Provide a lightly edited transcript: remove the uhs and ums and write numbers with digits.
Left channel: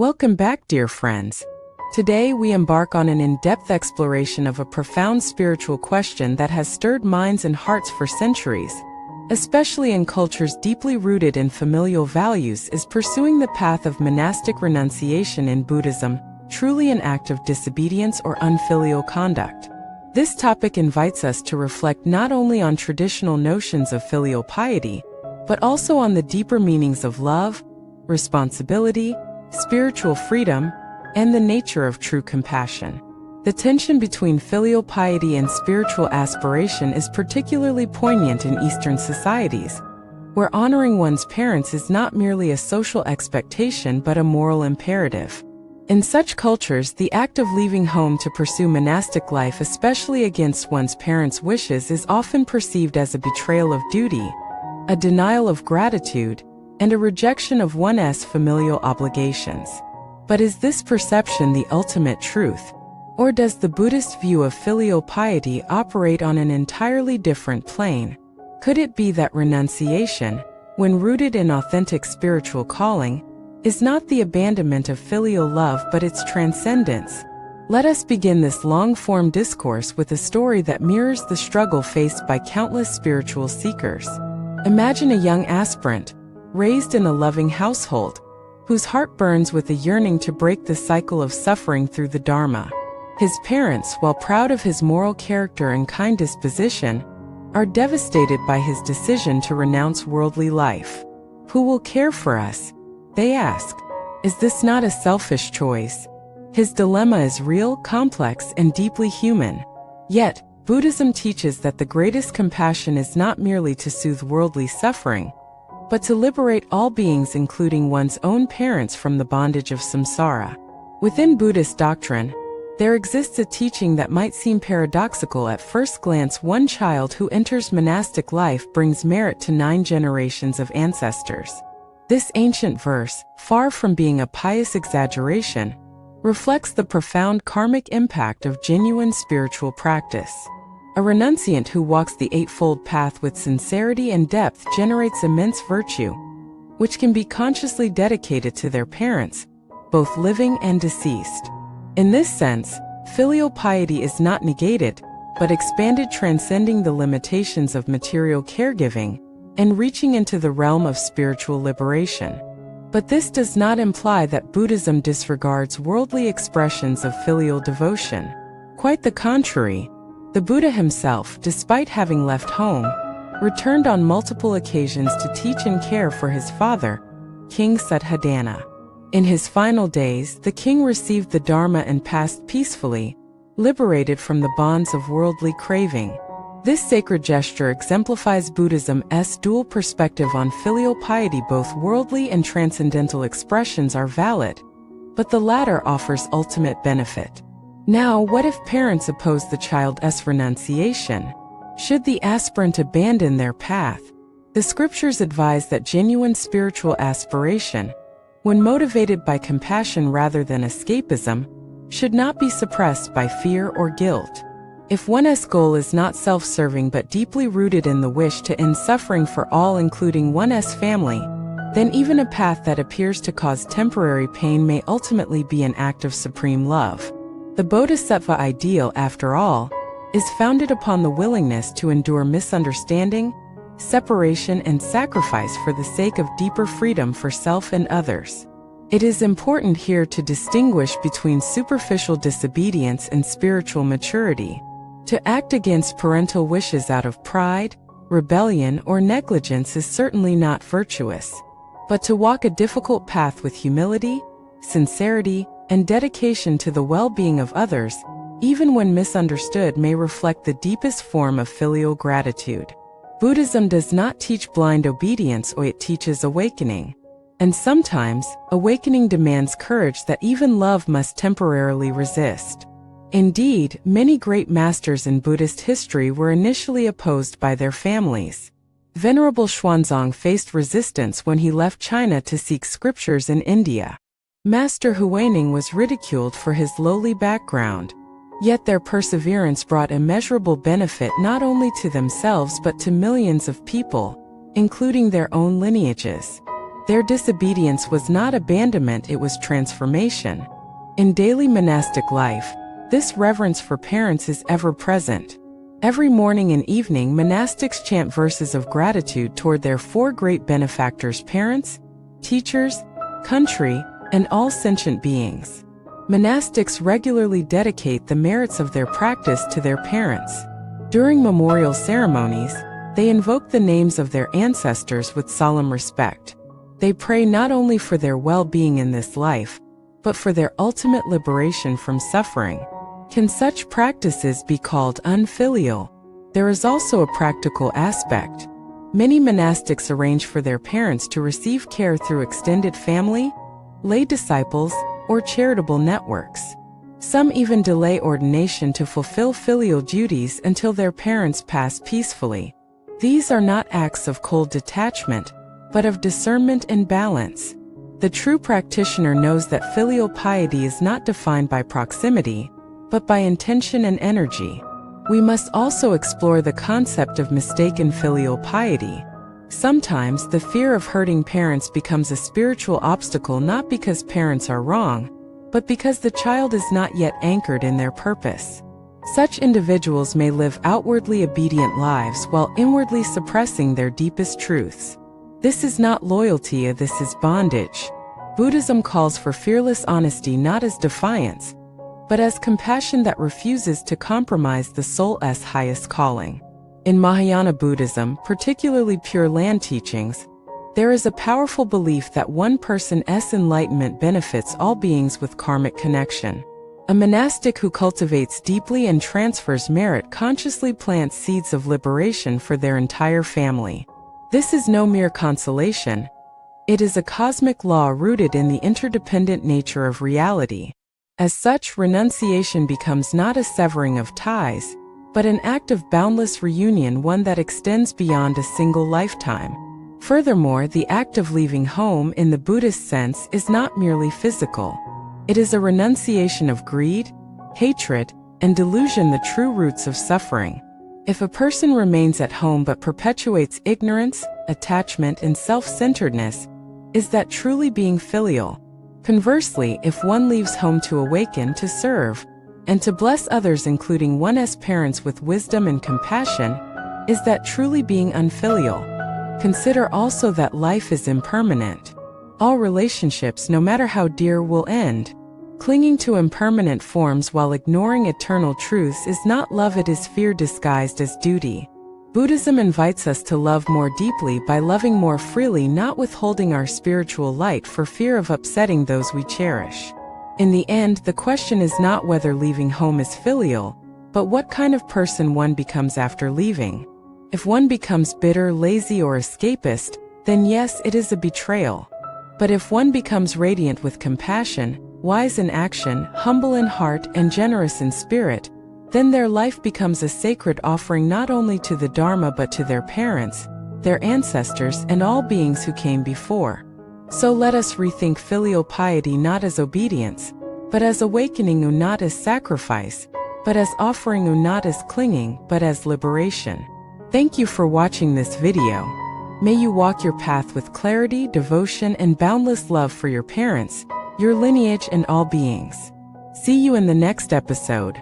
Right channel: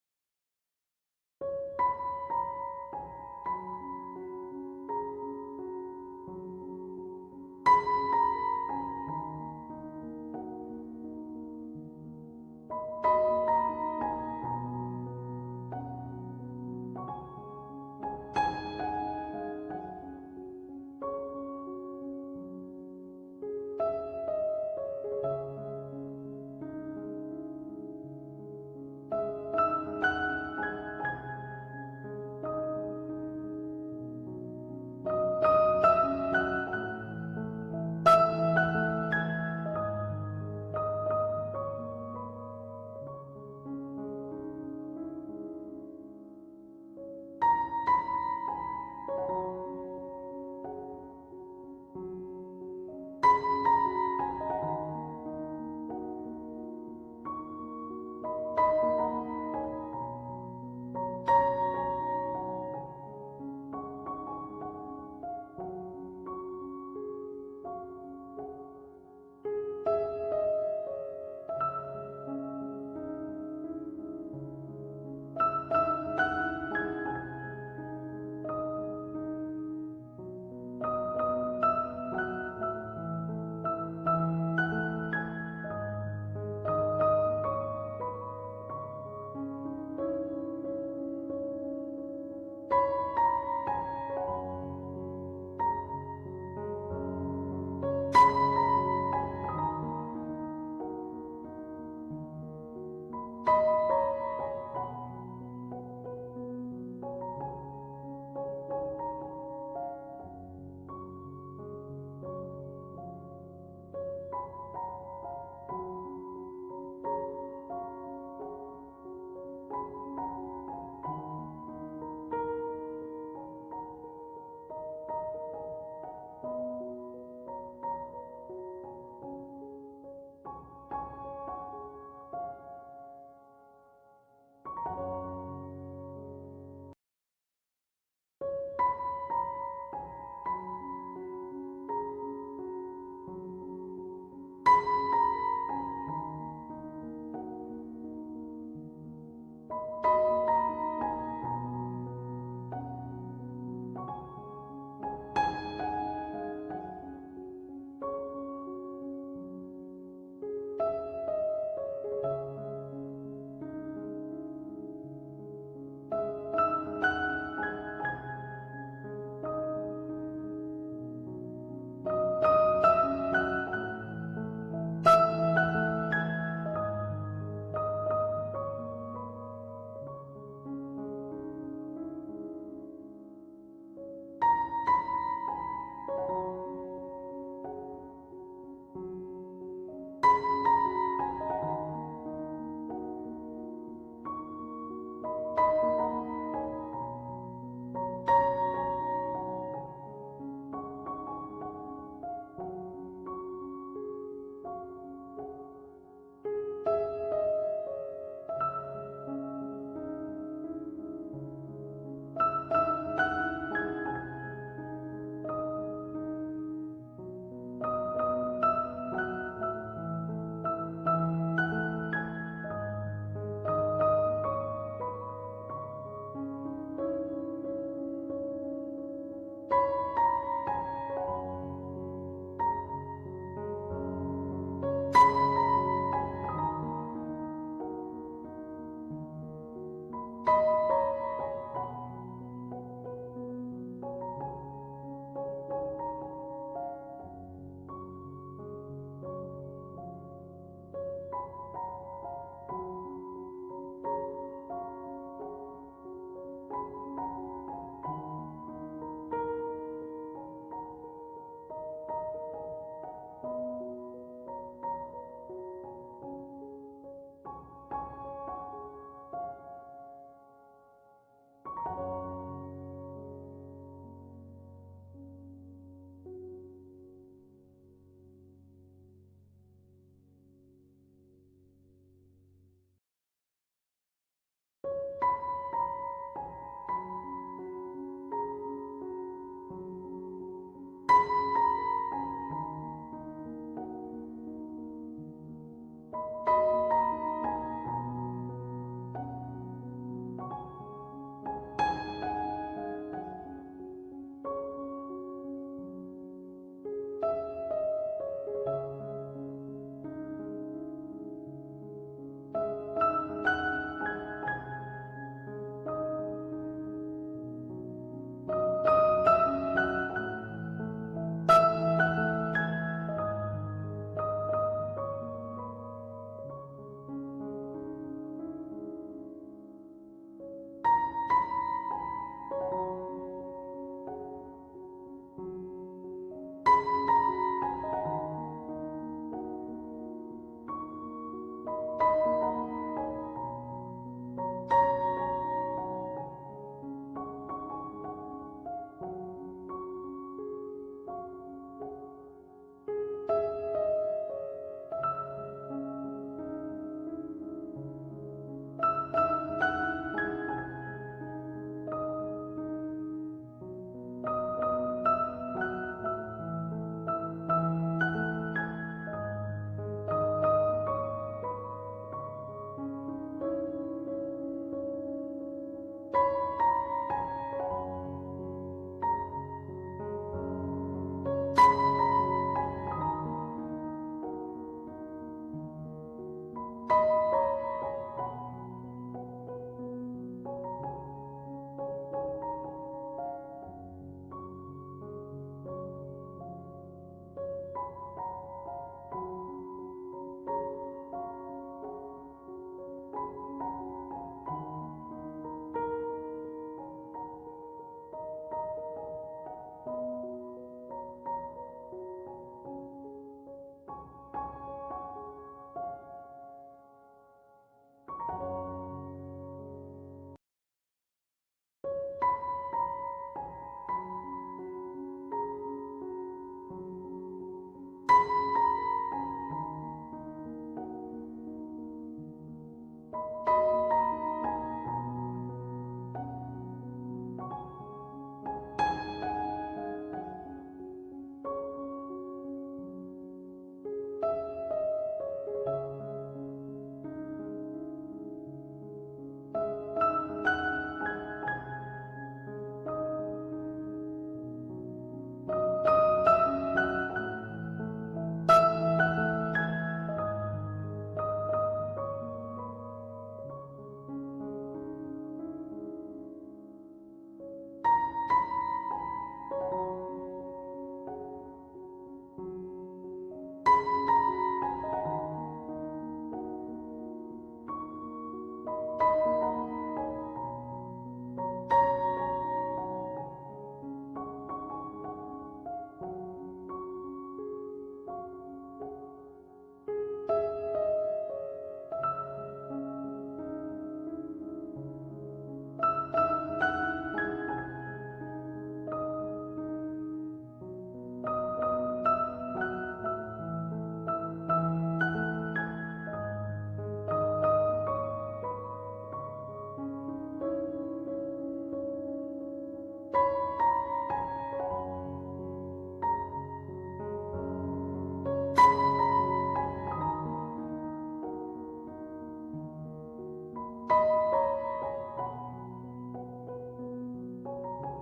Welcome back, dear friends. Today we embark on an in-depth exploration of a profound spiritual question that has stirred minds and hearts for centuries. Especially in cultures deeply rooted in familial values, is pursuing the path of monastic renunciation in Buddhism truly an act of disobedience or unfilial conduct? This topic invites us to reflect not only on traditional notions of filial piety, but also on the deeper meanings of love, responsibility, spiritual freedom, and the nature of true compassion. The tension between filial piety and spiritual aspiration is particularly poignant in Eastern societies, where honoring one's parents is not merely a social expectation but a moral imperative. In such cultures, the act of leaving home to pursue monastic life, especially against one's parents' wishes, is often perceived as a betrayal of duty, a denial of gratitude, and a rejection of one's familial obligations. But is this perception the ultimate truth? Or does the Buddhist view of filial piety operate on an entirely different plane? Could it be that renunciation, when rooted in authentic spiritual calling, is not the abandonment of filial love but its transcendence? Let us begin this long-form discourse with a story that mirrors the struggle faced by countless spiritual seekers. Imagine a young aspirant, raised in a loving household, whose heart burns with a yearning to break the cycle of suffering through the Dharma. His parents, while proud of his moral character and kind disposition, are devastated by his decision to renounce worldly life. Who will care for us? They ask. Is this not a selfish choice? His dilemma is real, complex, and deeply human. Yet, Buddhism teaches that the greatest compassion is not merely to soothe worldly suffering, but to liberate all beings, including one's own parents, from the bondage of samsara. Within Buddhist doctrine, there exists a teaching that might seem paradoxical at first glance. One child who enters monastic life brings merit to 9 generations of ancestors. This ancient verse, far from being a pious exaggeration, reflects the profound karmic impact of genuine spiritual practice. A renunciant who walks the Eightfold Path with sincerity and depth generates immense virtue, which can be consciously dedicated to their parents, both living and deceased. In this sense, filial piety is not negated, but expanded, transcending the limitations of material caregiving and reaching into the realm of spiritual liberation. But this does not imply that Buddhism disregards worldly expressions of filial devotion. Quite the contrary. The Buddha himself, despite having left home, returned on multiple occasions to teach and care for his father, King Suddhodana. In his final days, the king received the Dharma and passed peacefully, liberated from the bonds of worldly craving. This sacred gesture exemplifies Buddhism's dual perspective on filial piety. Both worldly and transcendental expressions are valid, but the latter offers ultimate benefit. Now, what if parents oppose the child's renunciation? Should the aspirant abandon their path? The scriptures advise that genuine spiritual aspiration, when motivated by compassion rather than escapism, should not be suppressed by fear or guilt. If one's goal is not self-serving but deeply rooted in the wish to end suffering for all, including one's family, then even a path that appears to cause temporary pain may ultimately be an act of supreme love. The Bodhisattva ideal, after all, is founded upon the willingness to endure misunderstanding, separation, and sacrifice for the sake of deeper freedom for self and others. It is important here to distinguish between superficial disobedience and spiritual maturity. To act against parental wishes out of pride, rebellion, or negligence is certainly not virtuous. But to walk a difficult path with humility, sincerity, and dedication to the well-being of others, even when misunderstood, may reflect the deepest form of filial gratitude. Buddhism does not teach blind obedience, or it teaches awakening. And sometimes, awakening demands courage that even love must temporarily resist. Indeed, many great masters in Buddhist history were initially opposed by their families. Venerable Xuanzang faced resistance when he left China to seek scriptures in India. Master Huaining was ridiculed for his lowly background. Yet their perseverance brought immeasurable benefit not only to themselves but to millions of people, including their own lineages. Their disobedience was not abandonment, it was transformation. In daily monastic life, this reverence for parents is ever present. Every morning and evening, monastics chant verses of gratitude toward their four great benefactors: parents, teachers, country, and all sentient beings. Monastics regularly dedicate the merits of their practice to their parents. During memorial ceremonies, they invoke the names of their ancestors with solemn respect. They pray not only for their well-being in this life, but for their ultimate liberation from suffering. Can such practices be called unfilial? There is also a practical aspect. Many monastics arrange for their parents to receive care through extended family, lay disciples, or charitable networks. Some even delay ordination to fulfill filial duties until their parents pass peacefully. These are not acts of cold detachment, but of discernment and balance. The true practitioner knows that filial piety is not defined by proximity, but by intention and energy. We must also explore the concept of mistaken filial piety. Sometimes the fear of hurting parents becomes a spiritual obstacle, not because parents are wrong, but because the child is not yet anchored in their purpose. Such individuals may live outwardly obedient lives while inwardly suppressing their deepest truths. This is not loyalty, this is bondage. Buddhism calls for fearless honesty not as defiance, but as compassion that refuses to compromise the soul's highest calling. In Mahayana Buddhism, particularly Pure Land teachings, there is a powerful belief that one person's enlightenment benefits all beings with karmic connection. A monastic who cultivates deeply and transfers merit consciously plants seeds of liberation for their entire family. This is no mere consolation. It is a cosmic law rooted in the interdependent nature of reality. As such, renunciation becomes not a severing of ties, but an act of boundless reunion, one that extends beyond a single lifetime. Furthermore, the act of leaving home in the Buddhist sense is not merely physical. It is a renunciation of greed, hatred, and delusion, the true roots of suffering. If a person remains at home but perpetuates ignorance, attachment, and self-centeredness, is that truly being filial? Conversely, if one leaves home to awaken, to serve, and to bless others, including one's parents, with wisdom and compassion, is that truly being unfilial? Consider also that life is impermanent. All relationships, no matter how dear, will end. Clinging to impermanent forms while ignoring eternal truths is not love, it is fear disguised as duty. Buddhism invites us to love more deeply by loving more freely, not withholding our spiritual light for fear of upsetting those we cherish. In the end, the question is not whether leaving home is filial, but what kind of person one becomes after leaving. If one becomes bitter, lazy, or escapist, then yes, it is a betrayal. But if one becomes radiant with compassion, wise in action, humble in heart, and generous in spirit, then their life becomes a sacred offering not only to the Dharma but to their parents, their ancestors, and all beings who came before. So let us rethink filial piety not as obedience, but as awakening, not as sacrifice, but as offering, not as clinging, but as liberation. Thank you for watching this video. May you walk your path with clarity, devotion, and boundless love for your parents, your lineage, and all beings. See you in the next episode.